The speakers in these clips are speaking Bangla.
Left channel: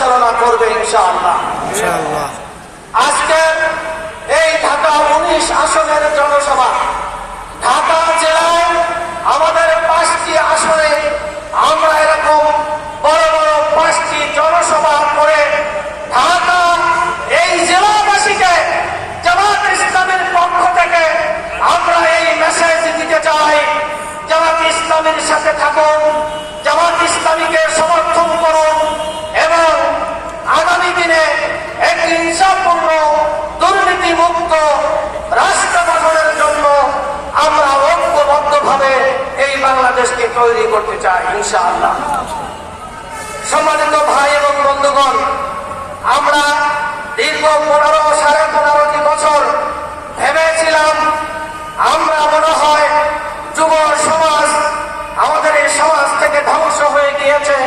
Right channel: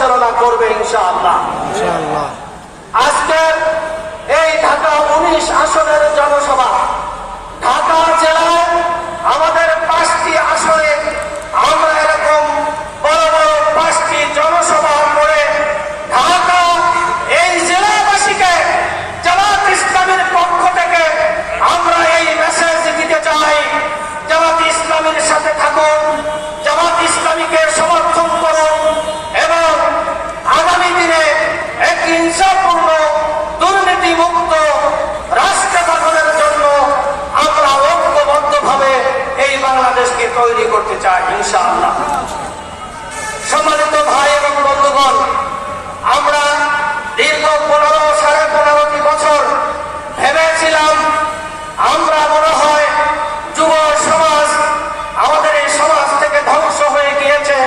পরিচালনা করবে ইনশাআল্লাহ। আজকে এই ঢাকা 19 আসনের জনসভা, ঢাকা জেলায় আমাদের 5টি আসনে আমরা এরকম বড় বড় 5টি জনসভা করে ঢাকা এই জেলাবাসীকে জামাত ইসলামের পক্ষ থেকে আমরা এই মেসেজ দিতে চাই, জামাত ইসলামের সাথে থাকুন, জামাত ইসলামীকে সমর্থন করুন এবং আগামী দিনে একটি ইনসাফপূর্ণ দুর্নীতিমুক্ত রাষ্ট্র গঠনের জন্য আমরা ঐক্যবদ্ধভাবে এই বাংলাদেশকে তৈরি করতে চাই ইনশাআল্লাহ। সম্মানিত ভাই এবং বন্ধুগণ, আমরা দীর্ঘ 15-15.5 বছর ভেবেছিলাম আমরা মনে হয় যুব সমাজ আমাদের এই সমাজ থেকে ধ্বংস হয়ে গিয়েছে,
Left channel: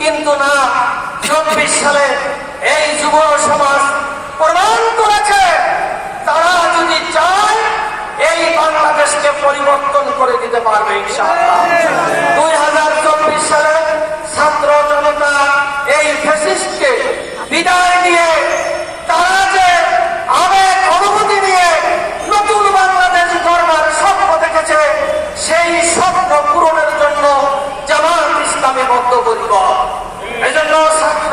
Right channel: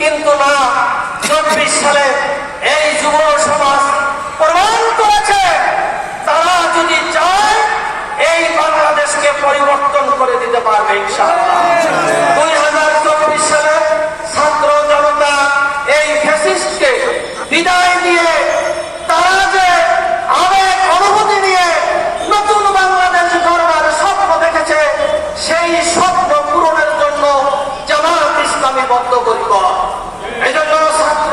কিন্তু না, 24 সালে এই যুব সমাজ প্রমাণ করেছে তারা যদি চায় এই বাংলাদেশকে পরিবর্তন করে দিতে পারবে ইনশাআল্লাহ। 2024 সালে ছাত্র জনতা এই ফ্যাসিস্টকে বিদায় দিয়ে তারা যে আবেগ অনুভূতি নিয়ে নতুন বাংলাদেশ গড়বার স্বপ্ন দেখেছে, সেই স্বপ্ন পূরণের জন্য জামাত ইসলামী বদ্ধপরিকর। এই জন্য ছাত্র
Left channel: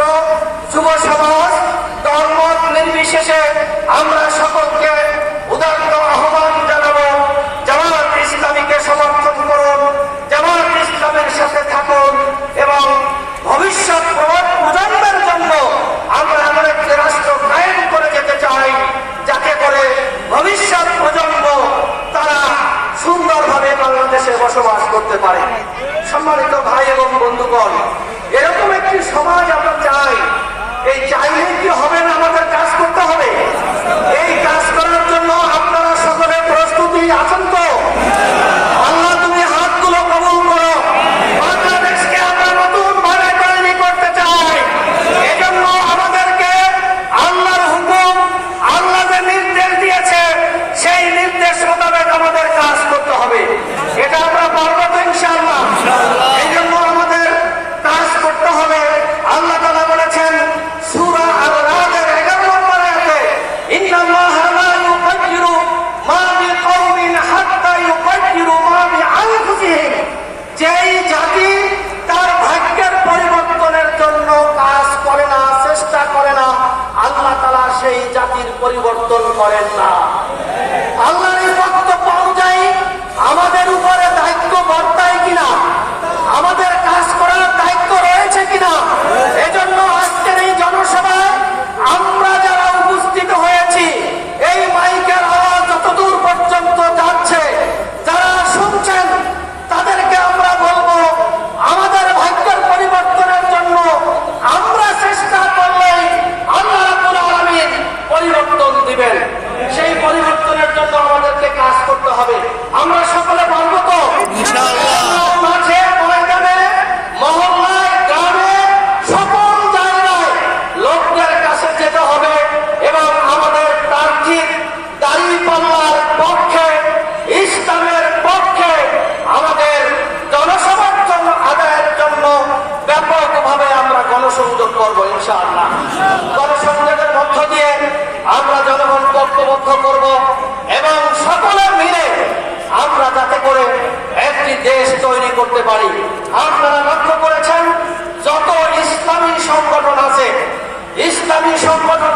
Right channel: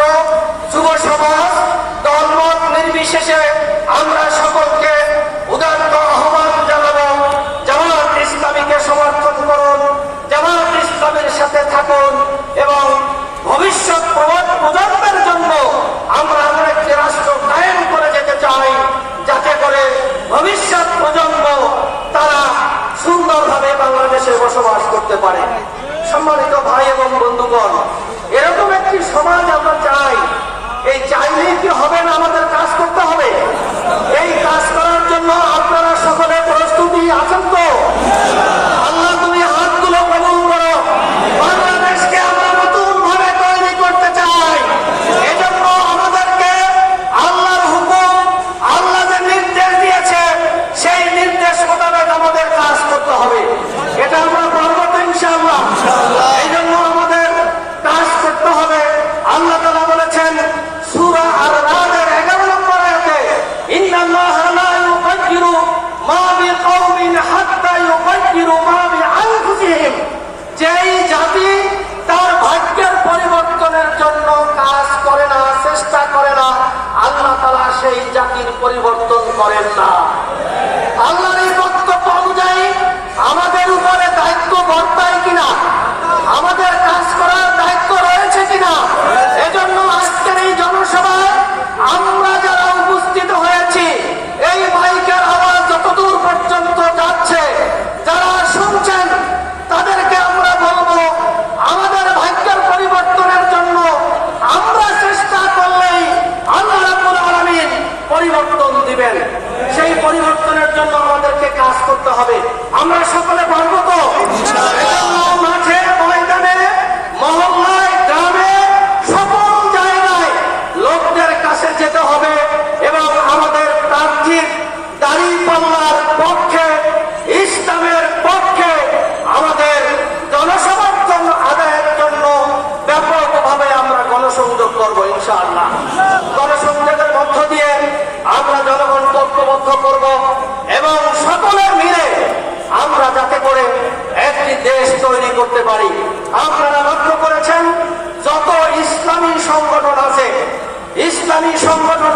যুব সমাজ দলমত নির্বিশেষে আমরা সকলকে উদাত্ত আহ্বান জানাবো, জামাত ইসলামীকে সমর্থন করুন, জামাত ইসলামের সাথে থাকুন এবং ভবিষ্যৎ প্রজন্মের জন্য আমরা এমন একটি রাষ্ট্র কায়েম করে যেতে চাই যাতে করে ভবিষ্যৎ প্রজন্ম তারা সুন্দরভাবে বাংলাদেশে বসবাস করতে পারে। সম্মানিত ভাই এবং বন্ধুগণ, এরকম একটি সমাজ আমরা চাই। এই চাইলে কি হবে না, আমাদের কাজ করতে হবে। এই কাজ করার জন্য আপনারা সকলে প্রস্তুতি আছেন তো? আল্লাহ তুমি হাতগুলো কবুল করো। বাংলাদেশকে আমরা নতুন ভাবে তৈরি করতে চাই। এজন্য আমাদেরকে আল্লাহর হুকুম, আল্লাহ যে নির্দেশ দিয়েছে সেই নির্দেশ মোতাবেক আমাদের কাজ করতে হবে। এটা আমরা পারবো তো ইনশাআল্লাহ? এই জন্য আমাদের কাজ করতে হবে। আল্লাহ তাআলা বলেছেন সূরা আর-রাদের 11 নম্বর আয়াতে, ইন্নাল্লাহা লা ইউগাইয়িরু মা বিকাওমিন হাত্তা ইউগাইয়িরু মা বিআনফুসিহিম। যেই জাতি তার ভাগ্যের পরিবর্তনের জন্য কাজ করে না, চেষ্টা করে না, আল্লাহ তাআলা সেই জাতির পরিবর্তন করেন না। আল্লাহর এই বক্তব্য অনুযায়ী আমাদের উপরে দায়িত্ব বর্তায় কিনা, আমাদের কাজ করার দায়িত্ব রয়েছে কিনা, এজন্য আজকের এই জনসভায় আমরা যারা উপস্থিত হয়েছি, এই মাইকের আওয়াজ যতদূর পর্যন্ত যাচ্ছে, যারা শুনছেন তাদেরকে আমরা বলবো, আমাদের ভাগ্যের পরিবর্তনের জন্য আমরা চেষ্টা করলেই আল্লাহ রাব্বুল আলামিন পরিবর্তন দিবেন। সেই পরিবর্তনের জন্য আমাদেরকে কাজ করতে হবে। আমরা সকলে পারবো তো? মাঠে, ময়দানে, মহল্লায়, গ্রামে, সকল জায়গায় লোকদের কাছে যেতে হবে এবং আমাদের প্রার্থীর দাঁড়িপাল্লার পক্ষে, ইসলামের পক্ষে আমাদের জনসমর্থন আদায়ের জন্য ব্যাপকভাবে আমরা গণসংযোগ করবো ইনশাআল্লাহ। গণসংযোগের মধ্য দিয়ে আমরা জনগণকে ঐক্যবদ্ধ করব এবং সকলে মিলে আমরা যাতে করে একটি দেশ তৈরি করতে পারি। আপনারা লক্ষ্য করেছেন যত ইসলামী সংগঠন আছে, ইসলামী সংগঠন